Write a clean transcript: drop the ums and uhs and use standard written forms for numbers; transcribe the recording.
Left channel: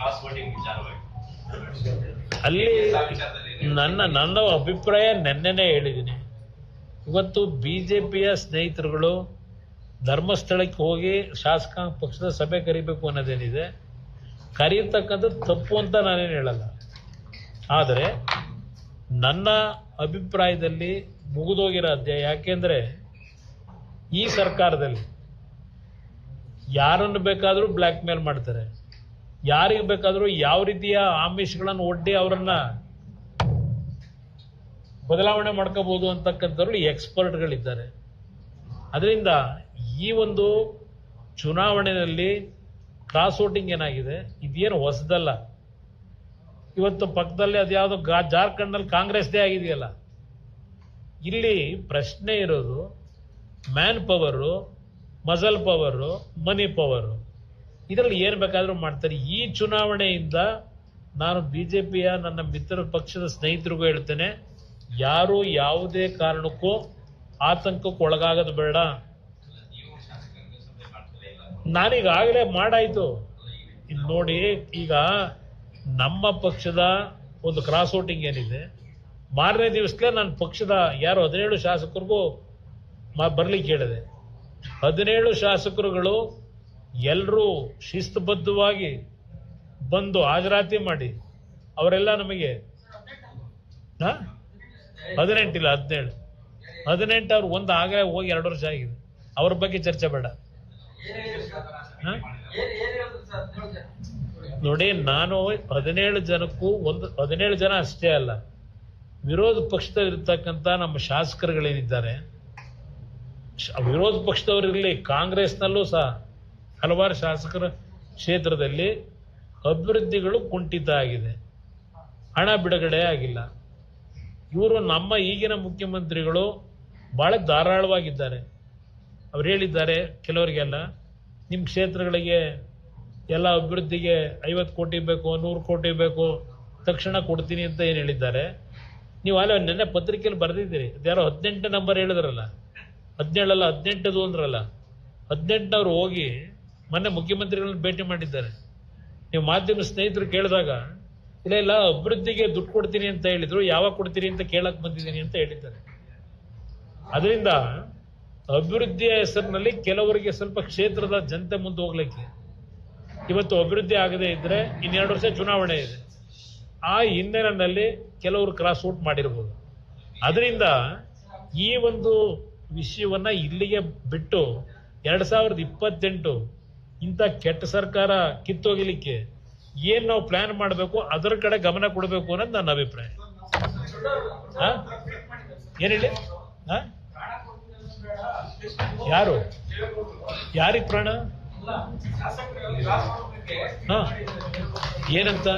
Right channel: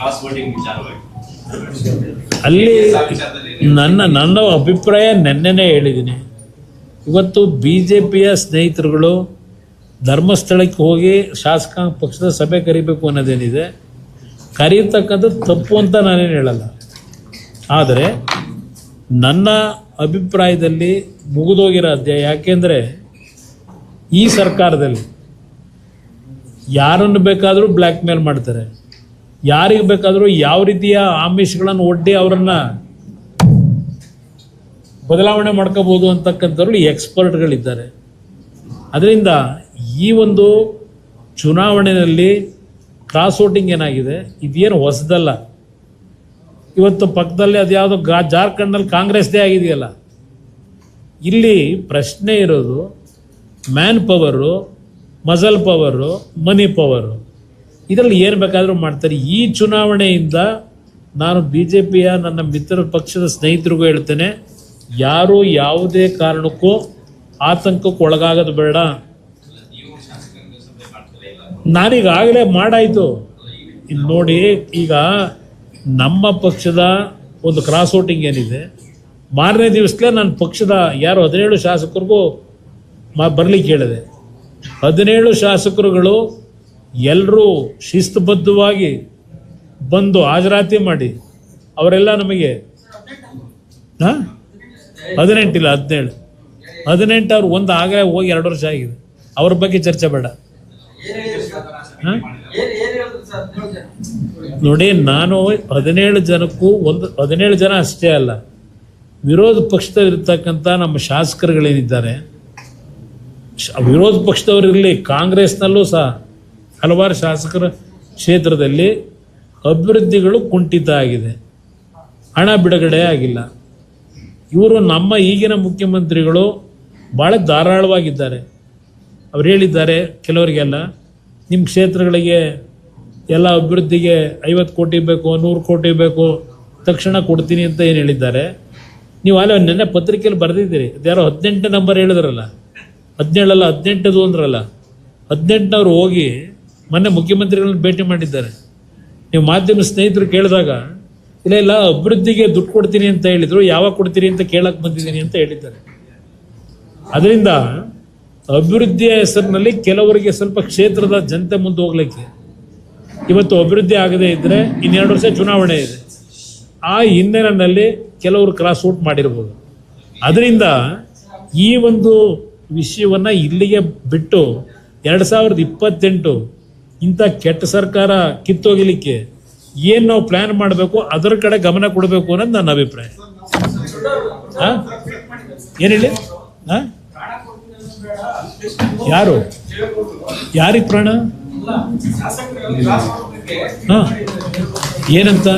Cross voting ವಿಚಾರವಾಗಿ ಅಲ್ಲಿ ನನ್ನ ಅಭಿಪ್ರಾಯ ನೆನ್ನೆನೇ ಹೇಳಿದ್ದೀನಿ. ಇವತ್ತು BJPಯ ಸ್ನೇಹಿತರುಗಳು ಧರ್ಮಸ್ಥಳಕ್ಕೆ ಹೋಗಿ ಶಾಸಕಾಂಗ ಪಕ್ಷದ ಸಭೆ ಕರಿಬೇಕು ಅನ್ನೋದೇನಿದೆ, ಕರೀತಕ್ಕಂಥದ್ದು ತಪ್ಪು ಅಂತ ನಾನೇನು ಹೇಳಲ್ಲ. ಆದರೆ ನನ್ನ ಅಭಿಪ್ರಾಯದಲ್ಲಿ ಮುಗಿದೋಗಿರೋ ಅಧ್ಯಾಯ. ಯಾಕೆಂದರೆ ಈ ಸರ್ಕಾರದಲ್ಲಿ ಯಾರನ್ನು ಬೇಕಾದರೂ ಬ್ಲ್ಯಾಕ್ ಮೇಲ್ ಮಾಡ್ತಾರೆ, ಯಾರಿಗೆ ಬೇಕಾದರೂ ಯಾವ ರೀತಿಯ ಆಮಿಷಗಳನ್ನು ಒಡ್ಡಿ ಅವರನ್ನು ಬದಲಾವಣೆ ಮಾಡ್ಕೋಬೋದು ಅಂತಕ್ಕಂಥವ್ರು ಎಕ್ಸ್ಪರ್ಟ್ಗಳಿದ್ದಾರೆ. ಅದರಿಂದ ಈ ಒಂದು ಚುನಾವಣೆಯಲ್ಲಿ ಕ್ರಾಸ್ ವೋಟಿಂಗ್ ಏನಾಗಿದೆ, ಇದೇನು ಹೊಸದಲ್ಲ. ಇವತ್ತು ಪಕ್ಕದಲ್ಲಿ ಅದ್ಯಾವುದೋ ಜಾರ್ಖಂಡ್ನಲ್ಲಿ ಕಾಂಗ್ರೆಸ್ದೇ ಆಗಿದೆಯಲ್ಲ. ಇಲ್ಲಿ ಪ್ರಶ್ನೆ ಇರೋದು ಮ್ಯಾನ್ ಪವರು, ಮಸಲ್ ಪವರು, ಮನಿ ಪವರು. ಇದರಲ್ಲಿ ಏನು ಬೇಕಾದರೂ ಮಾಡ್ತಾರೆ. ಈ ಚುನಾವಣೆಯಿಂದ ನಾನು BJPಯ ನನ್ನ ಮಿತ್ರ ಪಕ್ಷದ ಸ್ನೇಹಿತರಿಗೂ ಹೇಳ್ತೇನೆ, ಯಾರು ಯಾವುದೇ ಕಾರಣಕ್ಕೂ ಆತಂಕಕ್ಕೆ ಒಳಗಾಗೋದು ಬೇಡ. ನಾನೀಗಾಗಲೇ ಮಾಡಾಯಿತು. ಇನ್ನು ನೋಡಿ, ಈಗ ನಮ್ಮ ಪಕ್ಷದ ಒಂದು ಕ್ರಾಸ್ ವೋಟಿಂಗ್ ಏನಿದೆ, ಮಾರನೇ ದಿವಸಲೇ ನನ್ನ ಪಕ್ಷದ 17 ಶಾಸಕರಿಗೂ ಬರಲಿಕ್ಕೆ ಹೇಳಿದೆ. 17 ಶಾಸಕರುಗಳು ಎಲ್ಲರೂ ಶಿಸ್ತುಬದ್ಧವಾಗಿ ಬಂದು ಹಾಜರಾತಿ ಮಾಡಿ ಅವರೆಲ್ಲ ನಮಗೆ 18 ಇಲ್ಲ 17 ಅವ್ರು ಒಂದು ಆಗಲೇ ಹೋಗಿ 2 ವರ್ಷ ಆಗಿದೆ. ಅವ್ರ ಬಗ್ಗೆ ಚರ್ಚೆ ಬೇಡ. ನೋಡಿ, ನಾನು 17 ಜನಕ್ಕೂ 17 ಜನ ಅಷ್ಟೇ ಅಲ್ಲ, ವಿರೋಧ ಪಕ್ಷದಲ್ಲಿರ್ತಕ್ಕಂಥ ನಮ್ಮ ಶಾಸಕರುಗಳೇನಿದ್ದಾರೆ, ವಿರೋಧ ಪಕ್ಷದವರಿರಲಿ, ಕಾಂಗ್ರೆಸ್ನಲ್ಲೂ ಸಹ ಹಲವಾರು ಶಾಸಕರ ಕ್ಷೇತ್ರದಲ್ಲಿ ಅಭಿವೃದ್ಧಿಗಳು ಕುಂಠಿತ ಆಗಿದೆ, ಹಣ ಬಿಡುಗಡೆ ಆಗಿಲ್ಲ. ಇವರು ನಮ್ಮ ಈಗಿನ ಮುಖ್ಯಮಂತ್ರಿಗಳು ಭಾಳ ಧಾರಾಳವಾಗಿದ್ದಾರೆ. ಅವ್ರು ಹೇಳಿದ್ದಾರೆ ಕೆಲವರಿಗೆಲ್ಲ, ನಿಮ್ಮ ಕ್ಷೇತ್ರಗಳಿಗೆ ಎಲ್ಲ ಅಭಿವೃದ್ಧಿಗೆ 50 ಕೋಟಿ ಬೇಕು, 100 ಕೋಟಿ ಬೇಕು, ತಕ್ಷಣ ಕೊಡ್ತೀನಿ ಅಂತ ಏನು ಹೇಳಿದ್ದಾರೆ. ನೀವು ಅಲ್ಲ ನೆನ್ನೆ ಪತ್ರಿಕೆಯಲ್ಲಿ ಬರೆದಿದ್ದೀರಿ, ಅದ್ಯಾರೋ 18 ನಂಬರ್ ಹೇಳಿದ್ರಲ್ಲ, 17 ಅಲ್ಲ 18 ಅಂದ್ರಲ್ಲ, 18ನವ್ರು ಹೋಗಿ ಮೊನ್ನೆ ಮುಖ್ಯಮಂತ್ರಿಗಳನ್ನ ಭೇಟಿ ಮಾಡಿದ್ದಾರೆ. ನೀವು ಮಾಧ್ಯಮ ಸ್ನೇಹಿತರು ಕೇಳಿದಾಗ ಇಲ್ಲ ಅಭಿವೃದ್ಧಿಗೆ ದುಡ್ಡು ಕೊಡ್ತೀನಿ ಅಂತ ಹೇಳಿದ್ರು, ಯಾವಾಗ ಕೊಡ್ತೀರಿ ಅಂತ ಕೇಳಕ್ಕೆ ಬಂದಿದ್ದೀನಿ ಅಂತ ಹೇಳಿದ್ದಾರೆ. ಅದರಿಂದ ಅಭಿವೃದ್ಧಿಯ ಹೆಸರಿನಲ್ಲಿ ಕೆಲವರಿಗೆ ಸ್ವಲ್ಪ ಕ್ಷೇತ್ರದ ಜನತೆ ಮುಂದೆ ಹೋಗ್ಲಿಕ್ಕೆ, ಇವತ್ತು ಅಭಿವೃದ್ಧಿ ಆಗದೇ ಇದ್ದರೆ 2 ವರ್ಷ ಚುನಾವಣೆ ಇದೆ, ಆ ಹಿನ್ನೆಲೆಯಲ್ಲಿ ಕೆಲವರು ಕ್ರಾಸ್ ಔಟ್ ಮಾಡಿರ್ಬೋದು. ಅದರಿಂದ ಈ ಒಂದು ವಿಷಯವನ್ನು ಇಲ್ಲಿಗೆ ಬಿಟ್ಟು 2028 ಇಂಥ ಕೆಟ್ಟ ಸರ್ಕಾರ ಕಿತ್ತೋಗಲಿಕ್ಕೆ ಏನು ನಾವು ಪ್ಲಾನ್ ಮಾಡಬೇಕು ಅದರ ಕಡೆ ಗಮನ ಕೊಡಬೇಕು ಅನ್ನೋದು ನನ್ನ ಅಭಿಪ್ರಾಯ. ಏನು ಹೇಳಿ? ಯಾರಿಗೆ ಪ್ರಾಣ? ಏನಂತ